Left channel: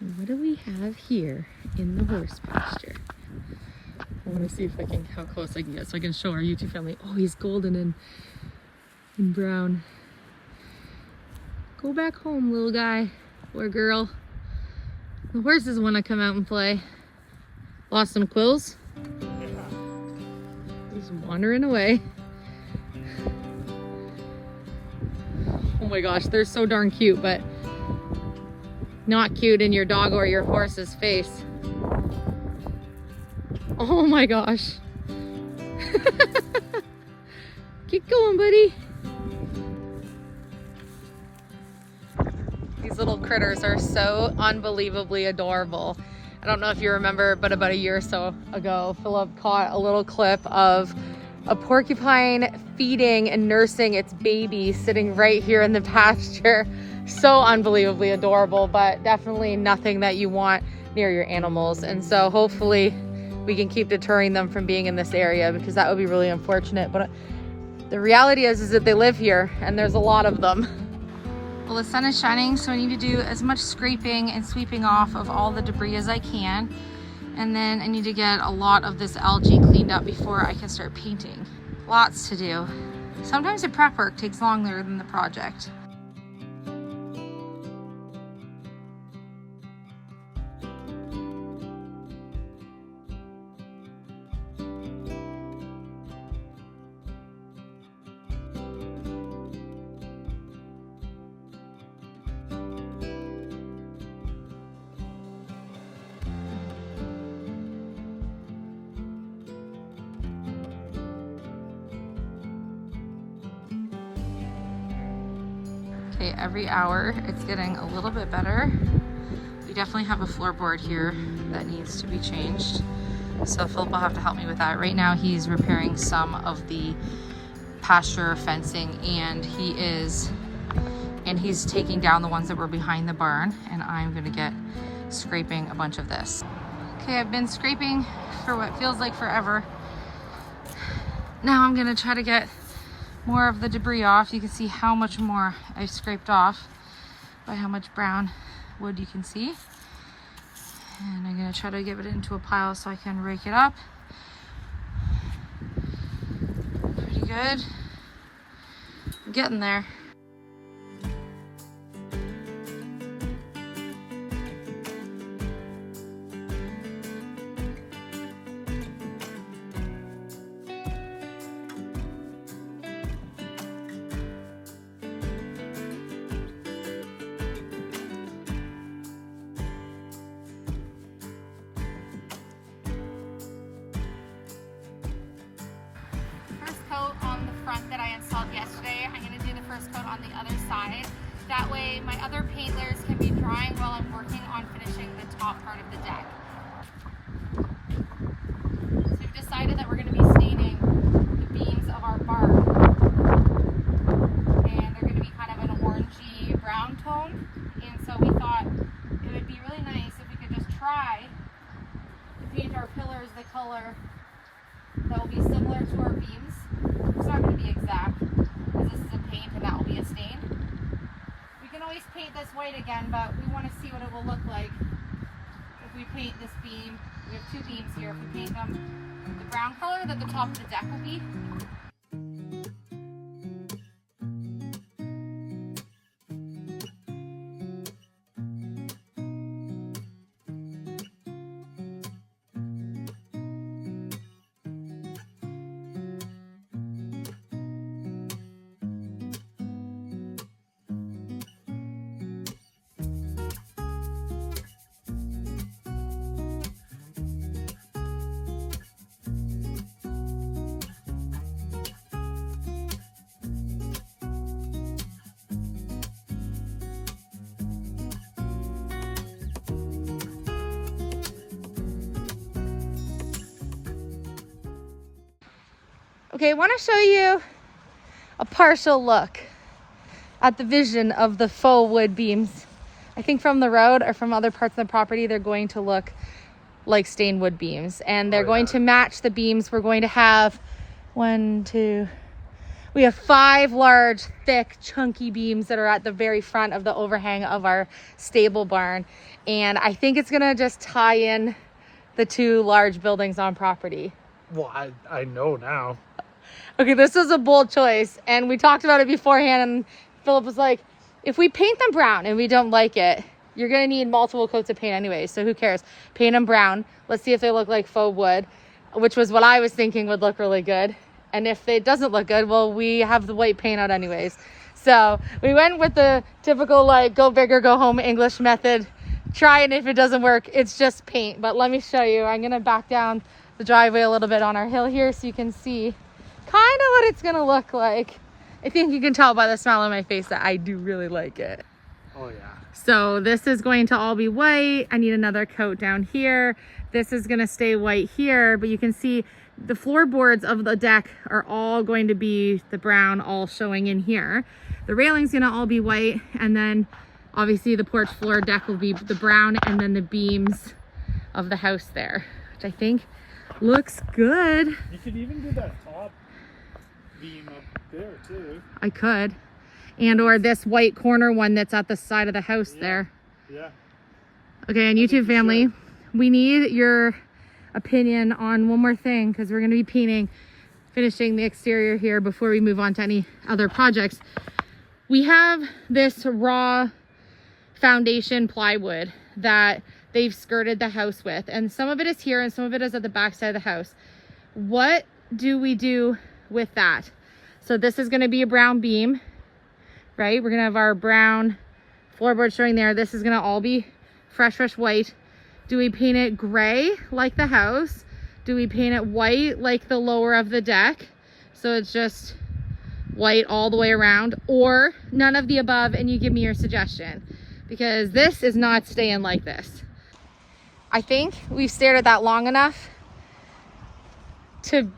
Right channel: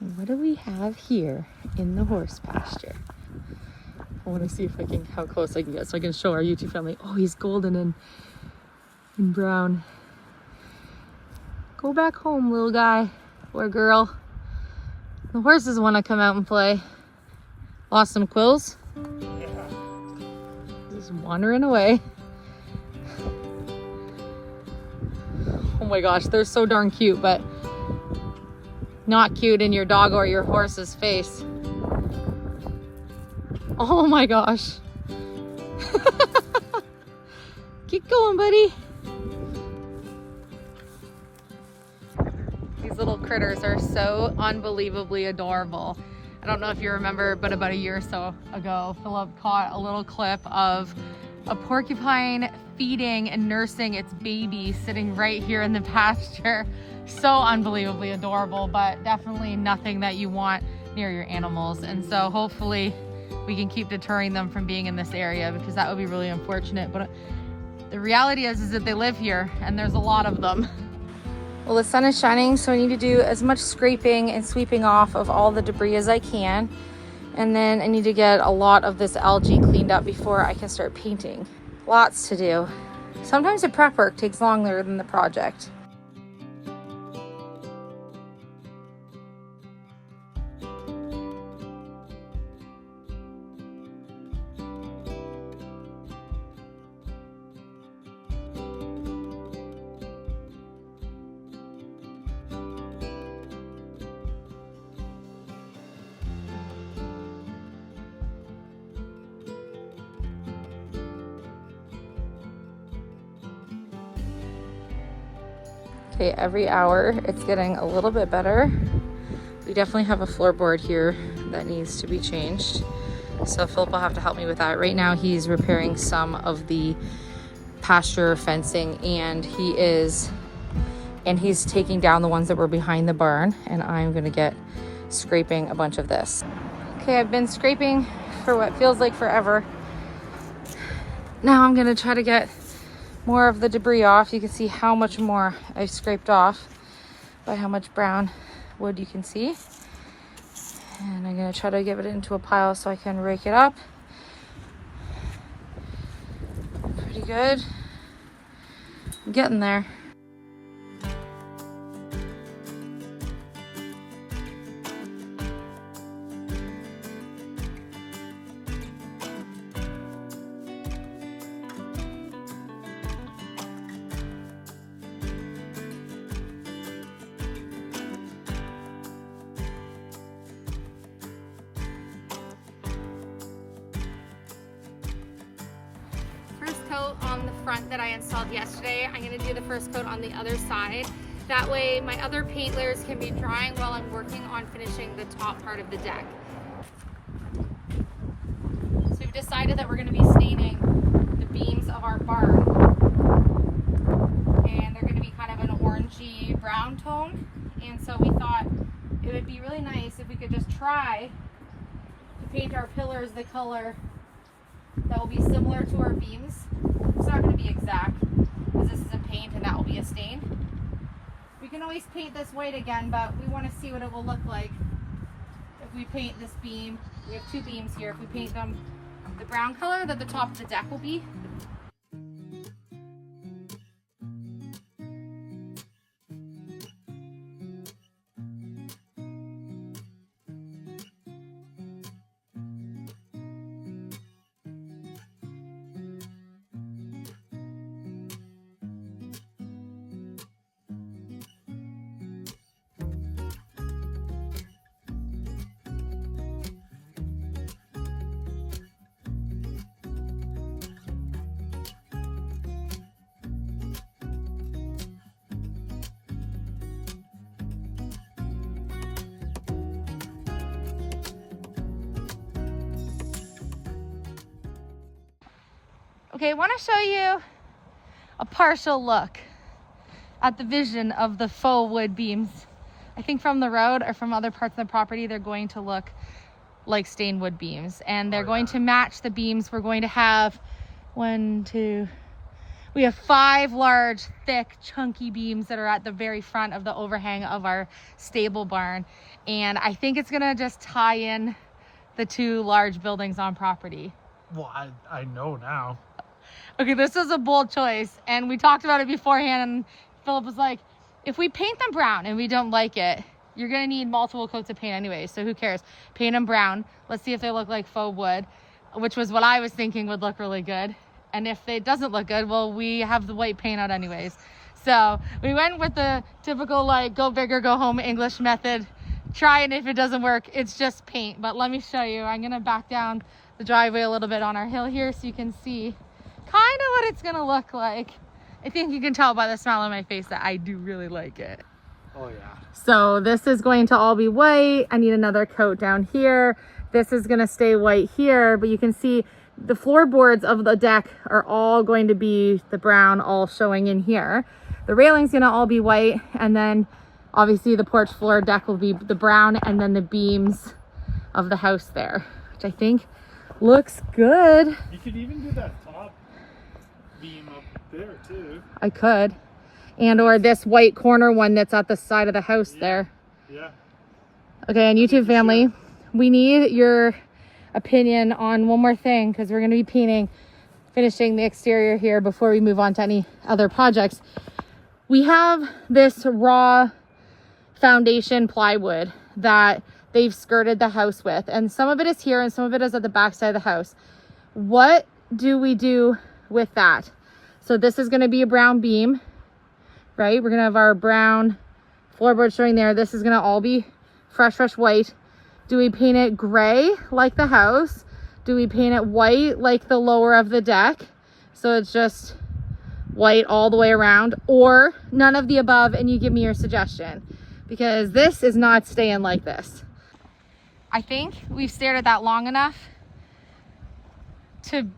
And what do we have here in the horse pasture? I want to see if I can, how close I can get so I can show our YouTube family. Oh, he's golden and brown. Go back home, little guy or girl. The horses want to come out and play. Lost some quills? Yeah. Just wandering away. Oh my gosh, they're so darn cute, but not cute in your dog or your horse's face. Oh my gosh. Keep going, buddy. These little critters are so unbelievably adorable. I don't know if you remember, but about a year or so ago, Philip caught a little clip of a porcupine feeding and nursing its baby sitting right here in the pasture. So unbelievably adorable, but definitely nothing that you want near your animals. And so hopefully we can keep deterring them from being in this area, because that would be really unfortunate. But the reality is that they live here and there's a lot of them. Well, the sun is shining, so I need to do as much scraping and sweeping off of all the debris as I can. And then I need to get a lot of this algae cleaned up before I can start painting. Lots to do. Sometimes the prep work takes longer than the project. Okay, every hour it's getting a little bit better. We definitely have a floorboard here that needs to be changed. So Philip will have to help me with that. Right now he's repairing some of the pasture fencing, and he's taking down the ones that were behind the barn, and I'm gonna get scraping a bunch of this. Okay, I've been scraping for what feels like forever. Now I'm gonna try to get more of the debris off. You can see how much more I've scraped off by how much brown wood you can see. And I'm gonna try to get it into a pile so I can rake it up. Pretty good. I'm getting there. Coat on the front that I installed yesterday. I'm going to do the first coat on the other side. That way my other paint layers can be drying while I'm working on finishing the top part of the deck. So we've decided that we're going to be staining the beams of our barn, and they're going to be kind of an orangey brown tone. And so we thought it would be really nice if we could just try to paint our pillars the color that will be similar to our beams. It's not going to be exact, because this is a paint and that will be a stain. We can always paint this white again, but we want to see what it will look like if we paint this beam. We have two beams here. If we paint them the brown color that the top of the deck will be. Okay, I want to show you a partial look at the vision of the faux wood beams. I think from the road or from other parts of the property, they're going to look like stained wood beams, and they're going to match the beams. We're going to have we We have 5 large, thick, chunky beams that are at the very front of the overhang of our stable barn. And I think it's gonna just tie in the 2 large buildings on property. Well, I know now. Okay, this was a bold choice, and we talked about it beforehand, and Philip was like, if we paint them brown and we don't like it, you're gonna need multiple coats of paint anyway, so who cares? Paint them brown. Let's see if they look like faux wood, which was what I was thinking would look really good. And if it doesn't look good, well, we have the white paint out anyways. So we went with the typical, like, go big or go home English method. Try it, if it doesn't work, it's just paint. But let me show you. I'm gonna back down the driveway a little bit on our hill here so you can see kind of what it's gonna look like. I think you can tell by the smile on my face that I do really like it. Oh yeah. So this is going to all be white. I need another coat down here. This is gonna stay white here, but you can see the floorboards of the deck are all going to be the brown, all showing in here. The railing's gonna all be white, and then obviously the porch floor deck will be the brown, and then the beams of the house there, which I think looks good. You could even do that top beam up there too. I could. And or this white corner one that's at the side of the house there. Yeah. Okay, and YouTube family, we need your opinion on one more thing, because we're going to be finishing the exterior here before we move on to any other projects. We have this raw foundation plywood that they've skirted the house with, and some of it is here and some of it is at the back side of the house. What do we do with that? So this is going to be a brown beam, right? We're going to have our brown floorboard showing there. This is going to all be fresh white. Do we paint it gray like the house? Do we paint it white like the lower of the deck, so it's just white all the way around? Or none of the above, and you give me your suggestion, because this is not staying like this. I think we've stared at that long enough to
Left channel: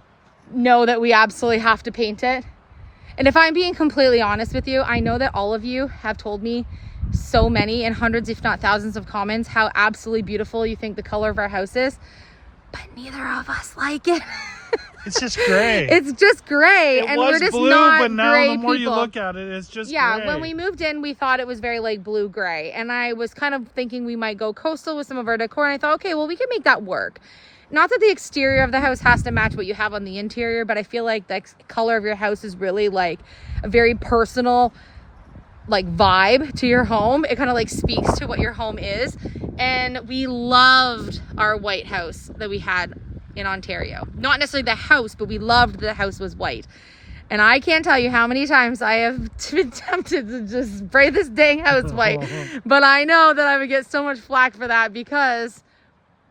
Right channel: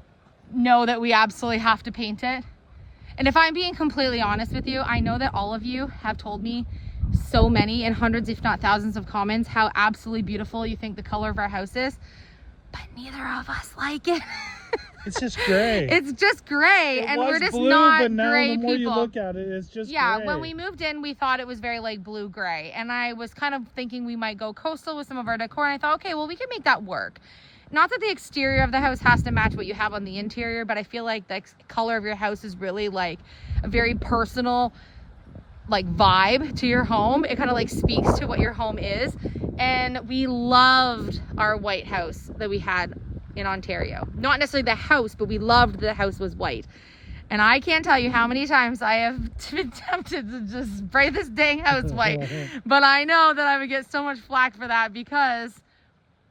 know that we absolutely have to paint it. And if I'm being completely honest with you, I know that all of you have told me so many, and hundreds if not thousands of comments, how absolutely beautiful you think the color of our house is, but neither of us like it. It's just gray. It's just gray, and we're just not but now gray the more people. you look at it, it's just Yeah, gray. when we moved in, we thought it was very like blue gray, and I was kind of thinking we might go coastal with some of our decor, and I thought, okay, well, we can make that work. Not that the exterior of the house has to match what you have on the interior, but I feel like the color of your house is really like a very personal like vibe to your home. It kind of like speaks to what your home is. And we loved our white house that we had in Ontario. Not necessarily the house, but we loved the house was white. And I can't tell you how many times I have been tempted to just spray this dang house white. But I know that I would get so much flack for that, because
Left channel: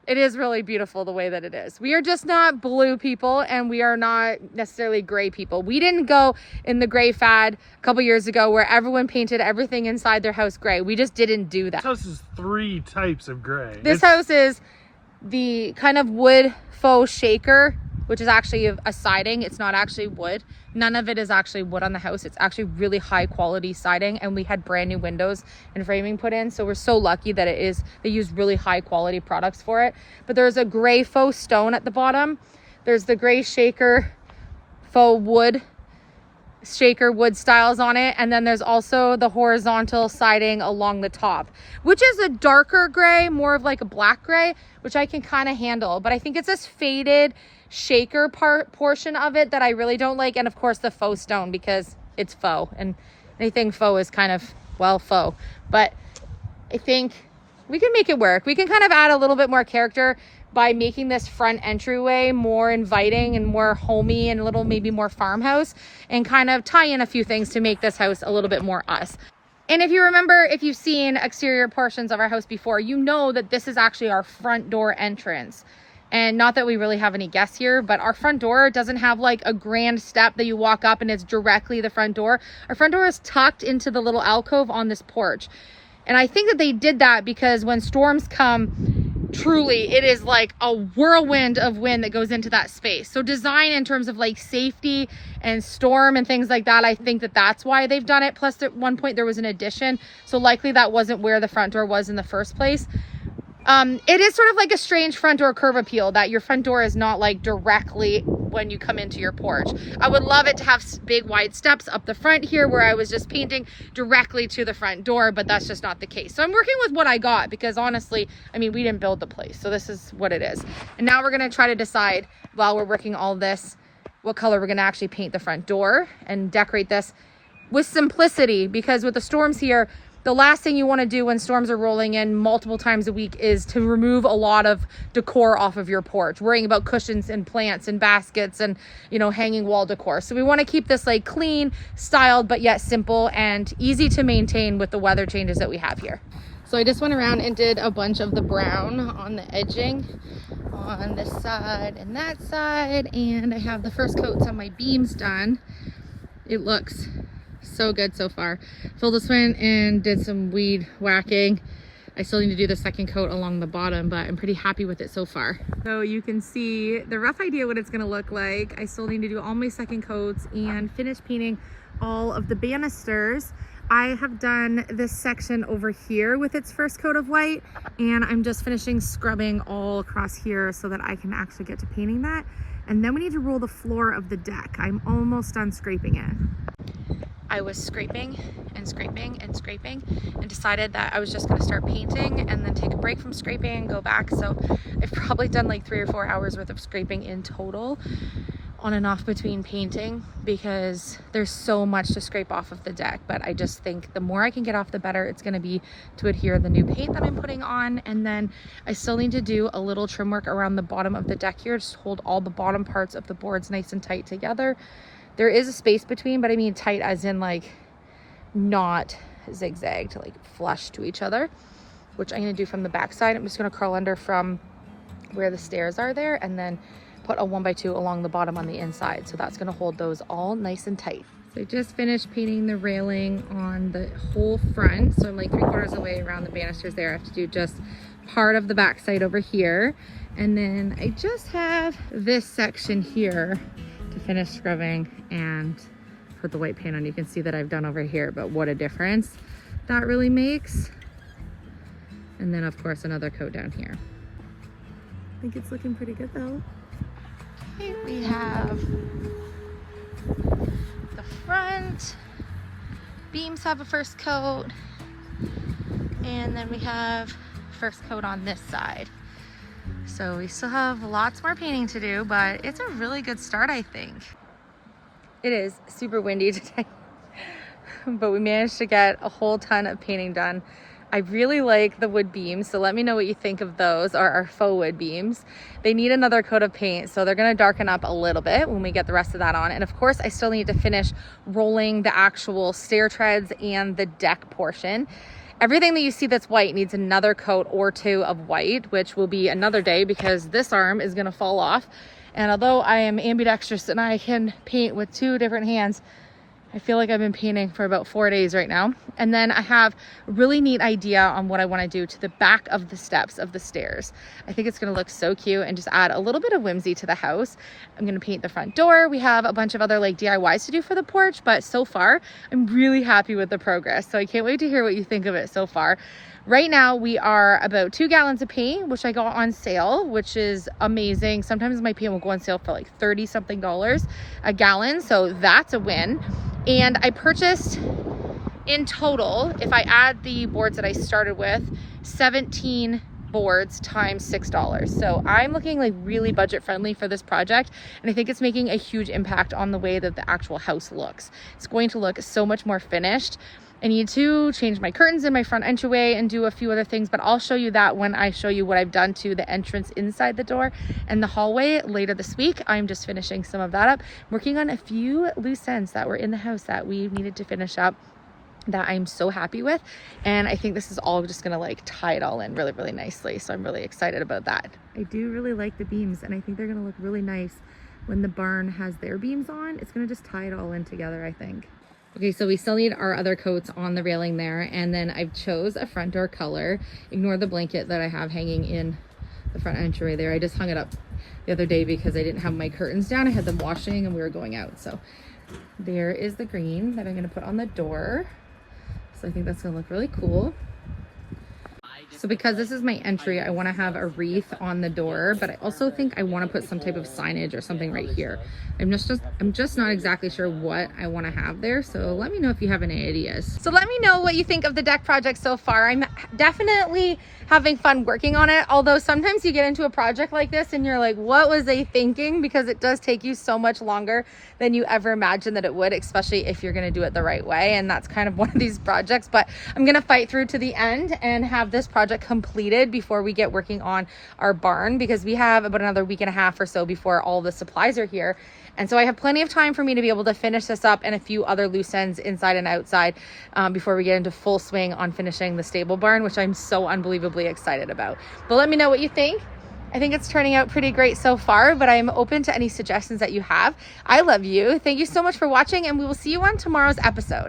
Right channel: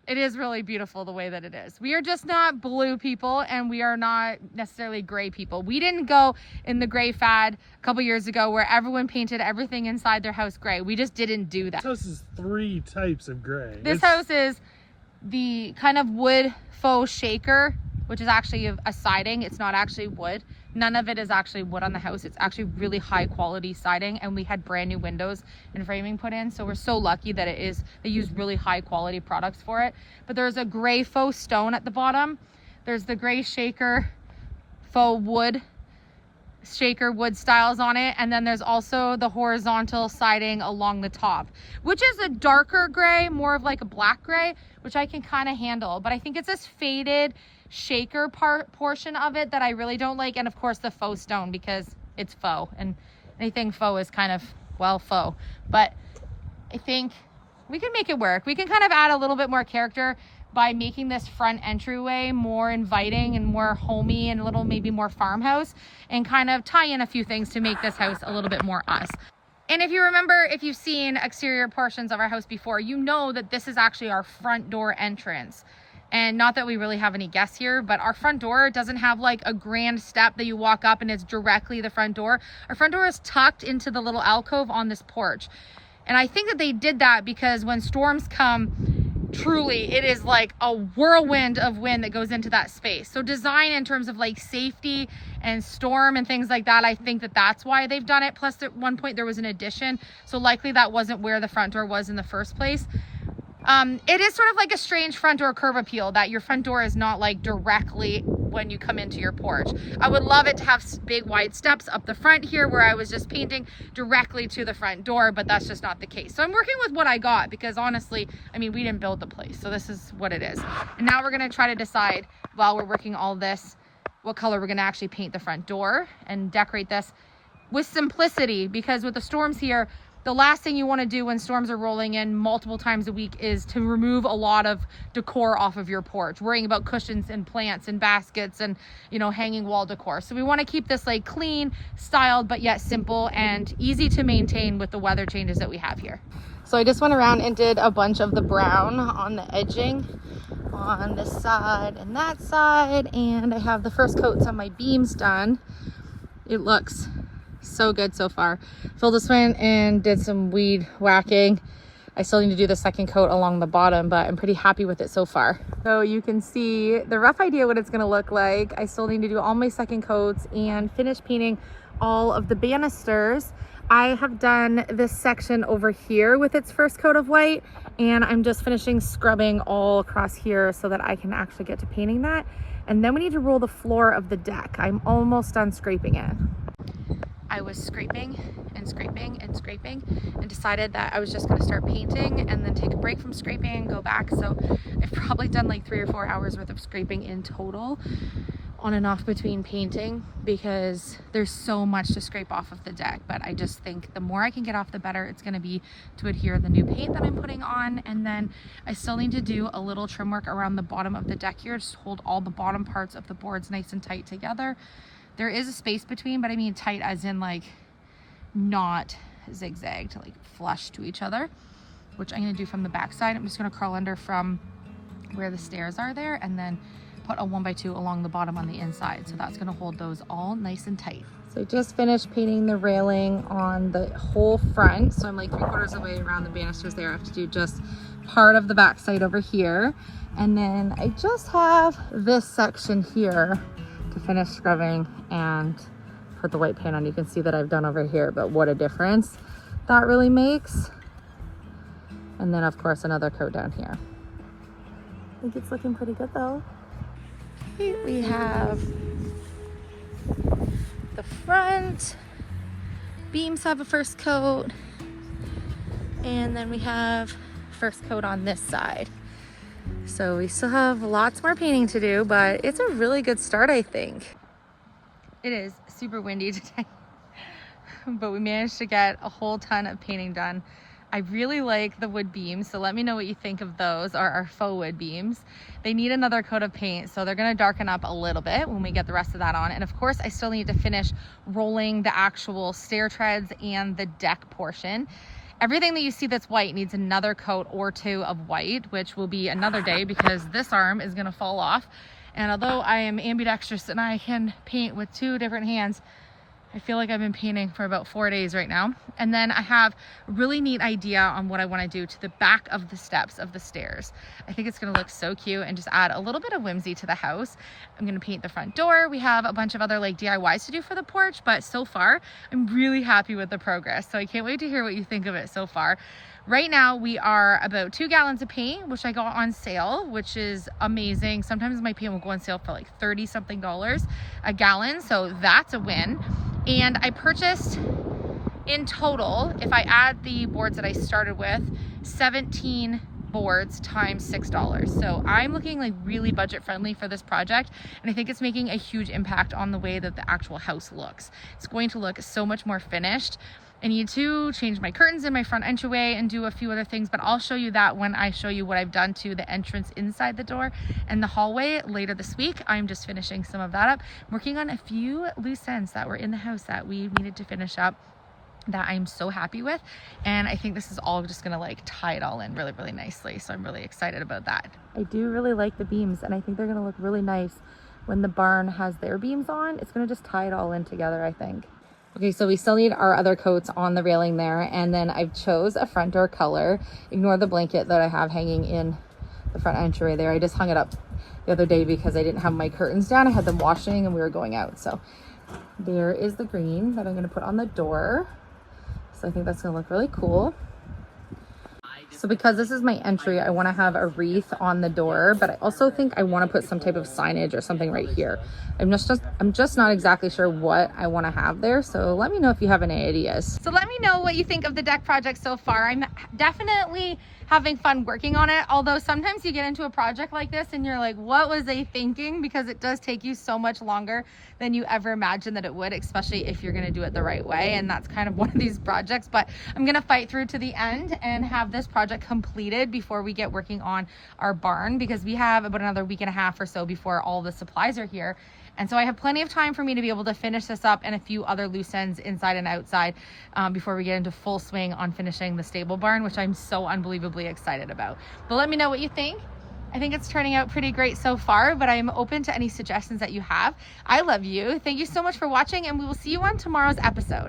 it is really beautiful the way that it is. We are just not blue people, and we are not necessarily gray people. We didn't go in the gray fad a couple years ago where everyone painted everything inside their house gray. We just didn't do that. This house is 3 types of gray. This house is the kind of wood faux shaker, which is actually a siding. It's not actually wood. None of it is actually wood on the house. It's actually really high quality siding, and we had brand new windows and framing put in, so we're so lucky that they use really high quality products for it. But there's a gray faux stone at the bottom. There's the gray shaker faux wood shaker wood styles on it, and then there's also the horizontal siding along the top, which is a darker gray, more of like a black gray, which I can kind of handle. But I think it's this faded shaker portion of it that I really don't like, and of course the faux stone, because it's faux, and anything faux is kind of, well, faux. But I think we can make it work. We can kind of add a little bit more character by making this front entryway more inviting and more homey and a little maybe more farmhouse, and kind of tie in a few things to make this house a little bit more us. And if you remember, if you've seen exterior portions of our house before, you know that this is actually our front door entrance. And not that we really have any guests here, but our front door doesn't have like a grand step that you walk up and it's directly the front door. Our front door is tucked into the little alcove on this porch. And I think that they did that because when storms come, truly it is like a whirlwind of wind that goes into that space. So design in terms of like safety and storm and things like that, I think that that's why they've done it. Plus at one point there was an addition, so likely that wasn't where the front door was in the first place. It is sort of like a strange front door curb appeal, that your front door is not like directly when you come into your porch. I would love it to have big wide steps up the front here where I was just painting directly to the front door, but that's just not the case. So I'm working with what I got because honestly, I mean, we didn't build the place. So this is what it is. And now we're gonna try to decide while we're working all this, what color we're gonna actually paint the front door and decorate this with simplicity, because with the storms here, the last thing you want to do when storms are rolling in multiple times a week is to remove a lot of decor off of your porch, worrying about cushions and plants and baskets and, you know, hanging wall decor. So we want to keep this like clean, styled, but yet simple and easy to maintain with the weather changes that we have here. So I just went around and did a bunch of the brown on the edging on this side and that side, and I have the first coats on my beams done. It looks so good so far. Phil just went and did some weed whacking. I still need to do the second coat along the bottom, but I'm pretty happy with it so far. So you can see the rough idea what it's gonna look like. I still need to do all my second coats and finish painting all of the banisters. I have done this section over here with its first coat of white, and I'm just finishing scrubbing all across here so that I can actually get to painting that. And then we need to roll the floor of the deck. I'm almost done scraping it. I was scraping and scraping and scraping and decided that I was just gonna start painting and then take a break from scraping and go back. So I've probably done like 3 or 4 hours worth of scraping in total, on and off between painting, because there's so much to scrape off of the deck. But I just think the more I can get off, the better it's gonna be to adhere the new paint that I'm putting on. And then I still need to do a little trim work around the bottom of the deck here, just to hold all the bottom parts of the boards nice and tight together. There is a space between, but I mean tight as in like not zigzagged, like flush to each other, which I'm gonna do from the back side. I'm just gonna curl under from where the stairs are there and then put a 1x2 along the bottom on the inside. So that's gonna hold those all nice and tight. So I just finished painting the railing on the whole front. So I'm like 3/4 of the way around the banisters there. I have to do just part of the back side over here. And then I just have this section here to finish scrubbing and put the white paint on. You can see that I've done over here, but what a difference that really makes. And then of course another coat down here. I think it's looking pretty good though. Okay, we have the front beams have a first coat, and then we have first coat on this side. So we still have lots more painting to do, but it's a really good start, I think. It is super windy today, but we managed to get a whole ton of painting done. I really like the wood beams, so let me know what you think of those, or our faux wood beams. They need another coat of paint, so they're gonna darken up a little bit when we get the rest of that on. And of course, I still need to finish rolling the actual stair treads and the deck portion. Everything that you see that's white needs another coat or 2 of white, which will be another day because this arm is gonna fall off. And although I am ambidextrous and I can paint with 2 different hands, I feel like I've been painting for about 4 days right now. And then I have a really neat idea on what I want to do to the back of the steps of the stairs. I think it's going to look so cute and just add a little bit of whimsy to the house. I'm going to paint the front door. We have a bunch of other like DIYs to do for the porch, but so far I'm really happy with the progress. So I can't wait to hear what you think of it so far. Right now we are about 2 gallons of paint, which I got on sale, which is amazing. Sometimes my paint will go on sale for like $30 something a gallon. So that's a win. And I purchased in total, if I add the boards that I started with, 17 boards times $6. So I'm looking like really budget friendly for this project, and I think it's making a huge impact on the way that the actual house looks. It's going to look so much more finished. I need to change my curtains in my front entryway and do a few other things, but I'll show you that when I show you what I've done to the entrance inside the door and the hallway later this week. I'm just finishing some of that up, working on a few loose ends that were in the house that we needed to finish up that I'm so happy with. And I think this is all just gonna like tie it all in really, really nicely. So I'm really excited about that. I do really like the beams, and I think they're gonna look really nice when the barn has their beams on. It's gonna just tie it all in together, I think. Okay, so we still need our other coats on the railing there, and then I've chose a front door color. Ignore the blanket that I have hanging in the front entryway there. I just hung it up the other day because I didn't have my curtains down. I had them washing and we were going out. So there is the green that I'm gonna put on the door. So I think that's gonna look really cool. So because this is my entry, I want to have a wreath on the door, but I also think I want to put some type of signage or something right here. I'm just not exactly sure what I want to have there. So let me know if you have any ideas. So let me know what you think of the deck project so far. I'm definitely having fun working on it. Although sometimes you get into a project like this and you're like, what was I thinking? Because it does take you so much longer than you ever imagined that it would, especially if you're going to do it the right way. And that's kind of one of these projects, but I'm going to fight through to the end and have this project completed before we get working on our barn, because we have about another week and a half or so before all the supplies are here. And so I have plenty of time for me to be able to finish this up and a few other loose ends inside and outside before we get into full swing on finishing the stable barn, which I'm so unbelievably excited about. But let me know what you think. I think it's turning out pretty great so far, but I'm open to any suggestions that you have. I love you. Thank you so much for watching, and we will see you on tomorrow's episode.